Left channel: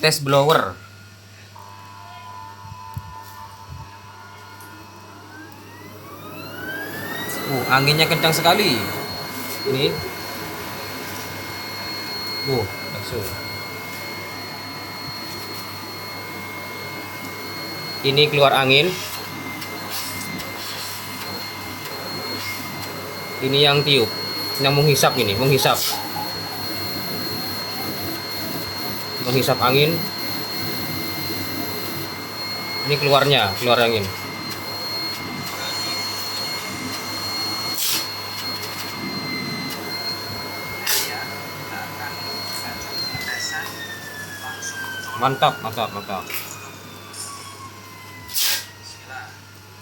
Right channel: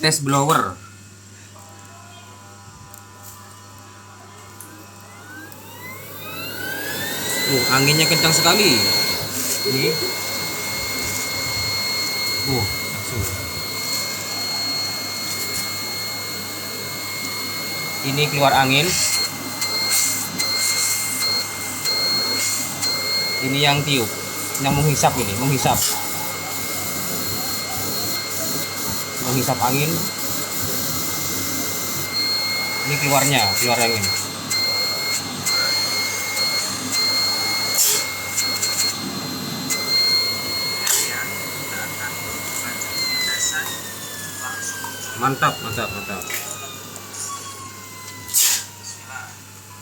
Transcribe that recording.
tes blower. Anginnya kencang sekali. Ini. Langsung. Ini keluar angin. Ini yang tiup, yang menghisap ini, menghisap angin. Ini keluar angin. Mantap.